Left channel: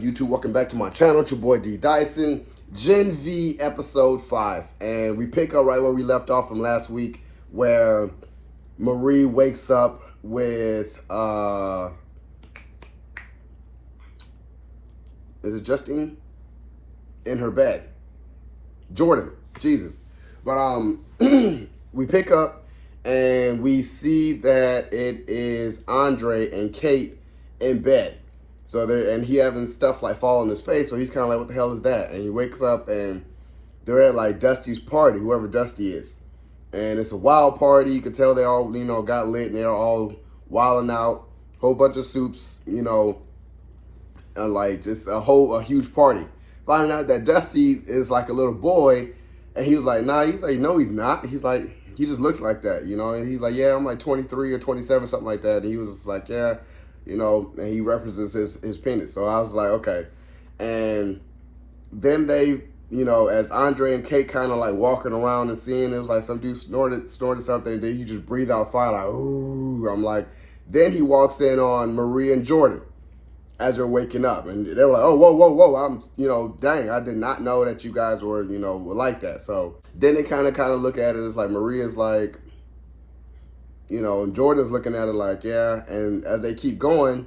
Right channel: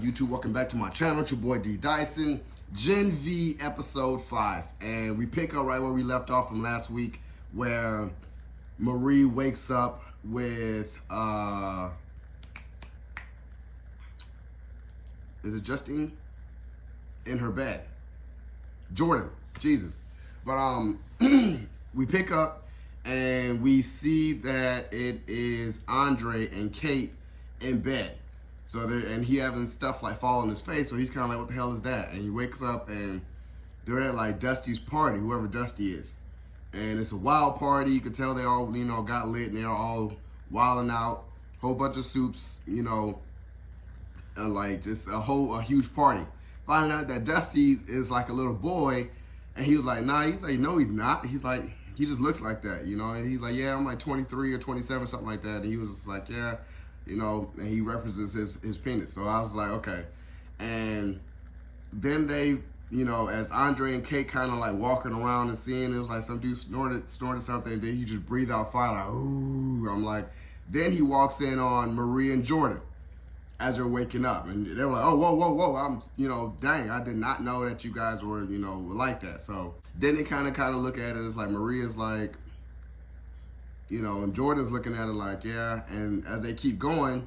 YouTube? Welcome back to my channel. It's your boy D Dyson. Gen V episode 5. And we pick up right where we left off from last week, where Marie wakes up with, is it Justine? In her bed. Jordan. Jesus. But we pick up and we see that it is Andre and Kate in bed. So and he having stuff like fall on his face, so he's kind of like, what the hell is that? And he wakes up and they're at like Dusty's party, whoever Dusty is. And it's a wild party. You can tell they all, got lit and they're all wilding out. Whole bunch of soups, like just a huge party. Finding out that Dusty is like a little boy, and he was like, nah, he's like, no, he's not. He's like, he just looks like that, And he's like, yeah, I'm like 23 or 27, something like that. And he was just like, yeah. And he references his penis. So I was like, okay. And then they, as Andre and Kate kind of like walking around and seeing, it was like some dude snorted something, and then he just breathed out fire, like, ooh. I'm like, then he walks in on Marie and Jordan as they're waking up. And they were like, oh, whoa. I'm, dang, I did not know that you guys were, were like that. So then they kind of look at it as like, Marie is like, and Jordan's looking at it like, yeah. And as they keep going,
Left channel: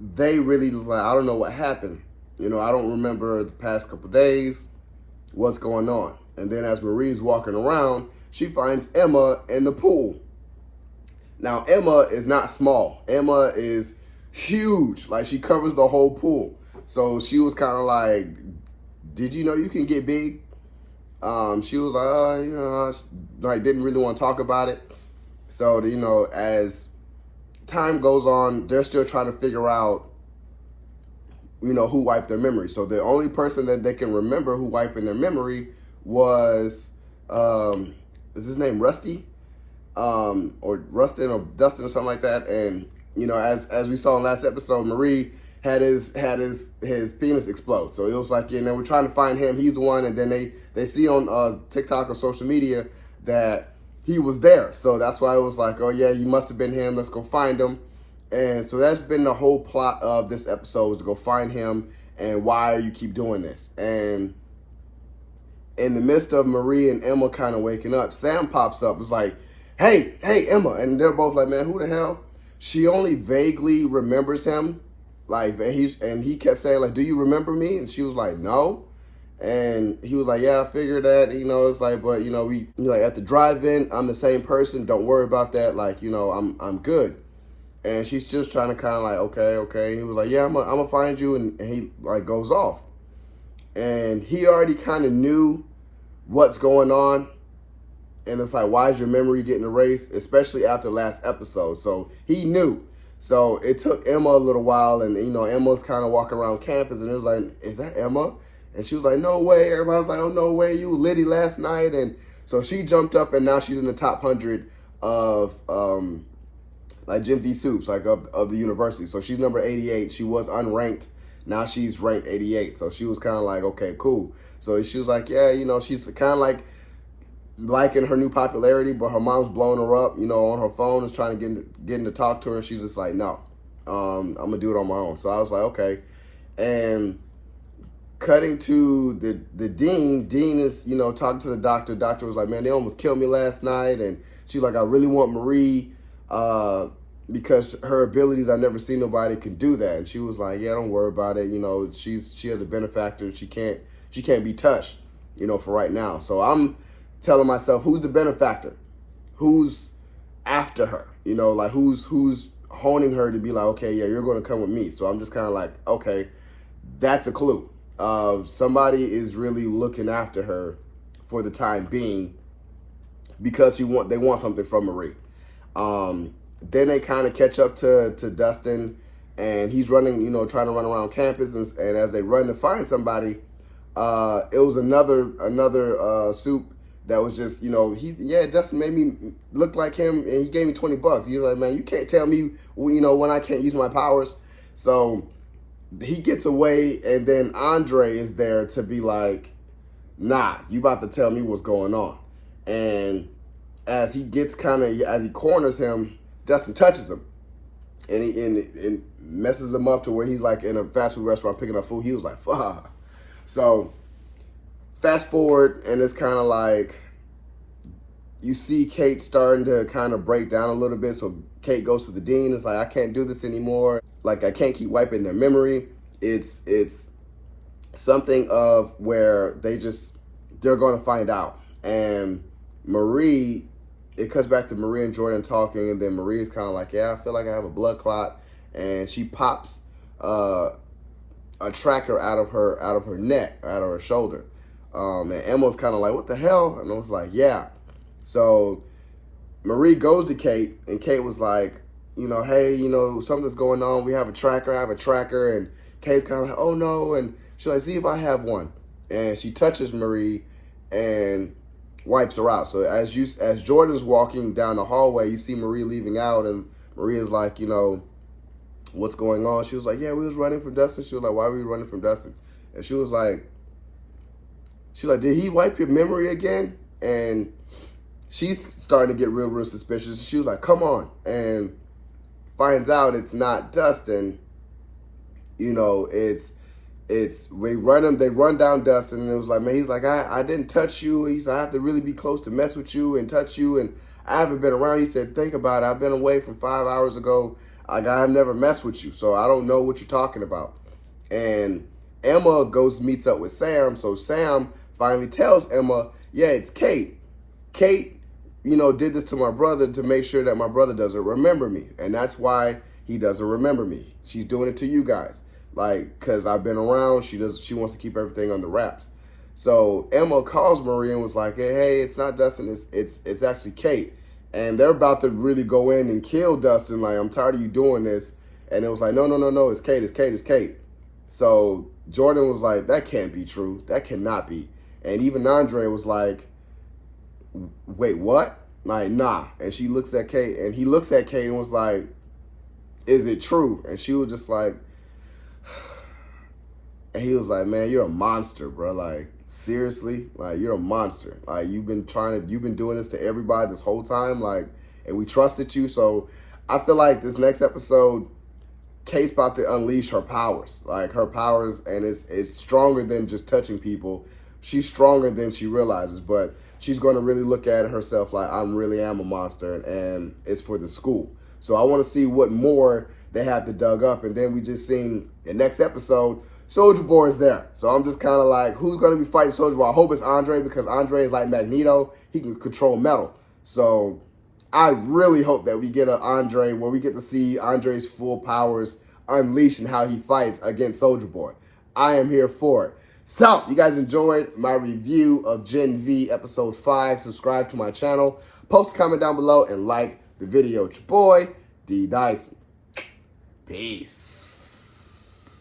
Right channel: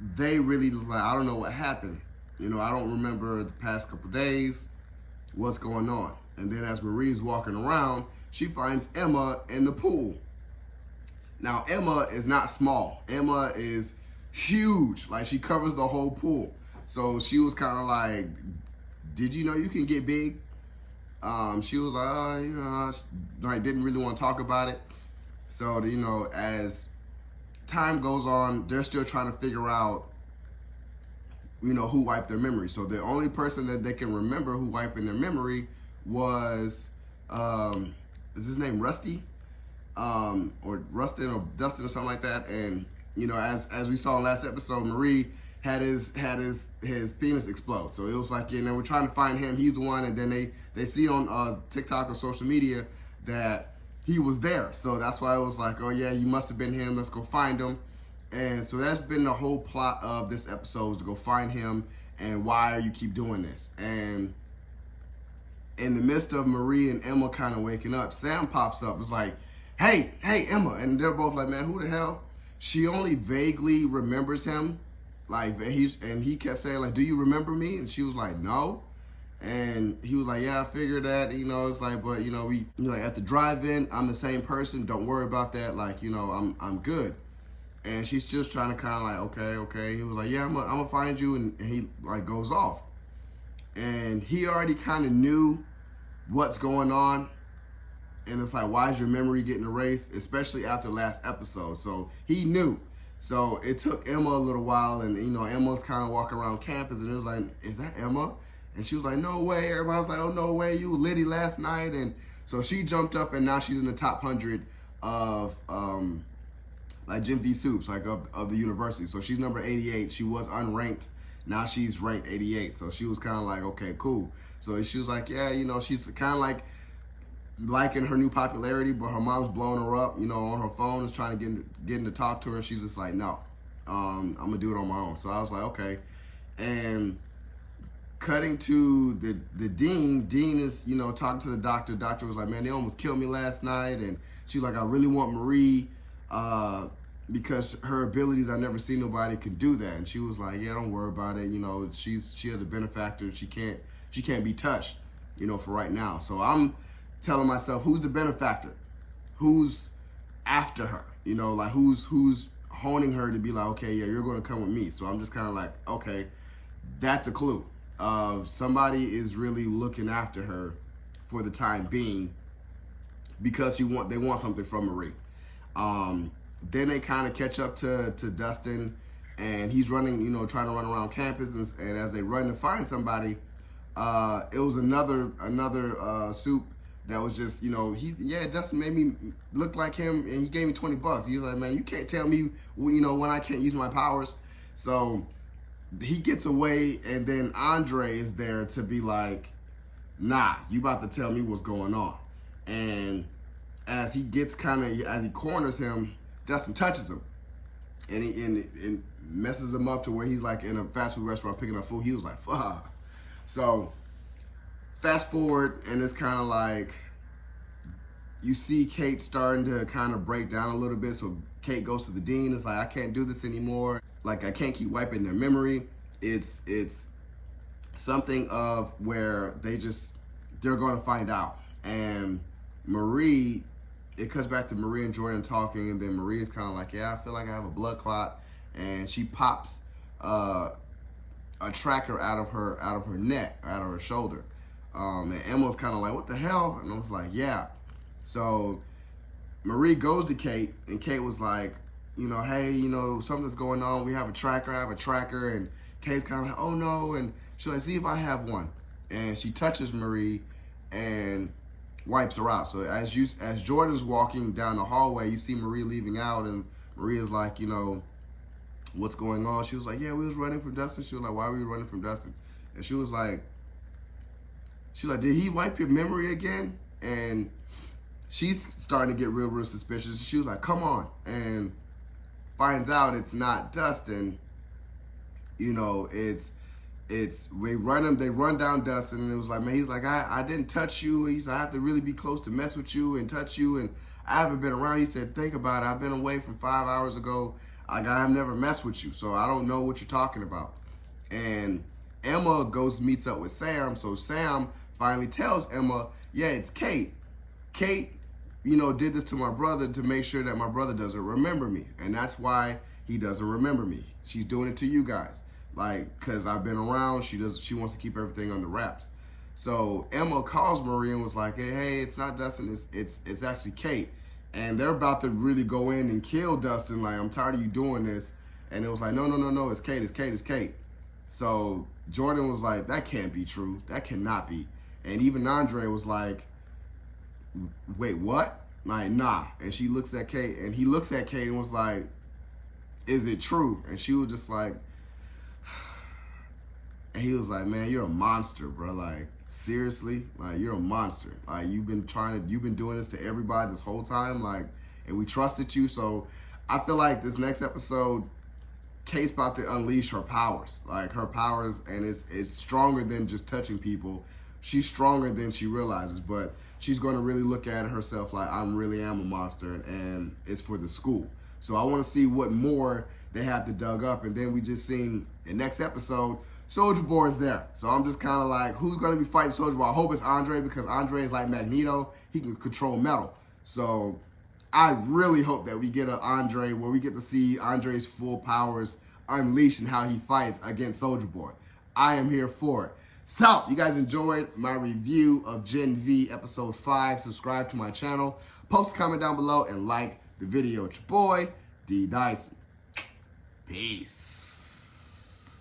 they really was like, I don't know what happened. I don't remember the past couple days, what's going on. And then as Marie's walking around, she finds Emma in the pool. Now, Emma is not small. Emma is huge. Like, she covers the whole pool. So she was kind of like, did you know you can get big? She was like, like didn't really want to talk about it. So, as time goes on, they're still trying to figure out, who wiped their memory. So the only person that they can remember who wiped in their memory was, is his name Rusty? Or Rustin or Dustin or something like that. And, as we saw in last episode, Marie had his penis explode. So it was like, we're trying to find him. He's the one. And then they see on TikTok or social media that he was there. So that's why it was like, oh yeah, you must have been him. Let's go find him. And so that's been the whole plot of this episode, is to go find him and why you keep doing this. And in the midst of Marie and Emma kind of waking up, Sam pops up. It's like, hey, Emma. And they're both like, man, who the hell? She only vaguely remembers him. Like, and he kept saying like, do you remember me? And she was like, no. And he was like, yeah, I figured that, it's like, but, we, like at the drive-in, I'm the same person. Don't worry about that. Like, I'm good. And she's just trying to kind of like, okay. He was like, yeah, I'm gonna find you. And he like goes off. And he already kind of knew what's going on. And it's like, why is your memory getting erased? Especially after last episode. So he knew. So it took Emma a little while. And, Emma's kind of walking around campus. And it was like, is that Emma? And she was like, no way. Everybody was like, oh, no way. You were litty last night. And so she jumped up, and now she's in the top 100 of like GenV soups, like of the university. So she's number 88. She was unranked. Now she's ranked 88. So she was kind of like, okay, cool. So she was like, yeah, she's kind of like liking her new popularity, but her mom's blowing her up, on her phone, is trying to get to talk to her. And she's just like, no, I'm going to do it on my own. So I was like, okay. And cutting to the dean is, talking to the doctor. Doctor was like, man, they almost killed me last night. And she's like, I really want Marie, because her abilities, I've never seen nobody can do that. And she was like, yeah, don't worry about it. She has a benefactor. She can't be touched, for right now. So I'm telling myself, who's the benefactor? Who's after her? Like who's honing her to be like, okay, yeah, you're going to come with me. So I'm just kind of like, okay, that's a clue. Somebody is really looking after her for the time being, because they want something from Marie. Then they kind of catch up to Dustin, and he's running, trying to run around campus, and as they run to find somebody, it was another soup that was just, Dustin made me look like him, and he gave me $20. He was like, man, you can't tell me, when I can't use my powers. So he gets away, and then Andre is there to be like, nah, you about to tell me what's going on. And as he corners him, Dustin touches him. and messes him up to where he's like in a fast food restaurant picking up food. He was like, fuck. So fast forward, and it's kind of like you see Kate starting to kind of break down a little bit. So Kate goes to the dean. It's like, I can't do this anymore. Like, I can't keep wiping their memory. It's something of where they're going to find out. And Marie, it cuts back to Marie and Jordan talking, and then Marie is kind of like, yeah, I feel like I have a blood clot. And she pops a tracker out of her neck, out of her shoulder. And Emma's kind of like, what the hell? And I was like, yeah. So Marie goes to Kate, and Kate was like, hey, something's going on. We have a tracker. I have a tracker. And Kate's kind of like, oh no. And she's like, see if I have one. And she touches Marie and wipes her out. So as Jordan's walking down the hallway, you see Marie leaving out, and Marie is like, what's going on? She was like, yeah, we was running from Dustin. She was like, why were you running from Dustin? And she's like, did he wipe your memory again? And she's starting to get real suspicious. She was like, come on. And finds out it's not Dustin. They run down Dustin, and it was like, man, he's like, I didn't touch you. He's like, I have to really be close to mess with you and touch you, and I haven't been around. He said, think about it. I've been away from 5 hours ago. Like, I have never messed with you, so I don't know what you're talking about. And Emma meets up with Sam, so Sam finally tells Emma, yeah, it's Kate. Kate, did this to my brother to make sure that my brother doesn't remember me, and that's why he doesn't remember me. She's doing it to you guys. Like, because I've been around, she wants to keep everything under wraps. So Emma calls Marie and was like, hey, it's not Dustin, it's actually Kate. And they're about to really go in and kill Dustin, like, I'm tired of you doing this. And it was like, no, it's Kate. So Jordan was like, that can't be true. That cannot be. And even Andre was like, wait, what? Like, nah. And she looks at Kate, and he looks at Kate and was like, is it true? And she was just like, and he was like, man, you're a monster, bro. Like, seriously? Like, you're a monster. Like, you've been doing this to everybody this whole time. Like, and we trusted you. So I feel like this next episode, Kate's about to unleash her powers. Like, her powers, and it's stronger than just touching people. She's stronger than she realizes, but she's going to really look at it herself like, I really am a monster, and it's for the school. So I want to see what more they have to dug up. And then we just seen the next episode, Soulja Boy is there. So I'm just kind of like, who's going to be fighting Soulja Boy? I hope it's Andre, because Andre is like Magneto. He can control metal. So I really hope that we get an Andre where we get to see Andre's full powers unleashed and how he fights against Soulja Boy. I am here for it. So, you guys enjoyed my review of GenV episode 5. Subscribe to my channel. Post a comment down below and like the video. It's your boy, D. Dyson. Peace.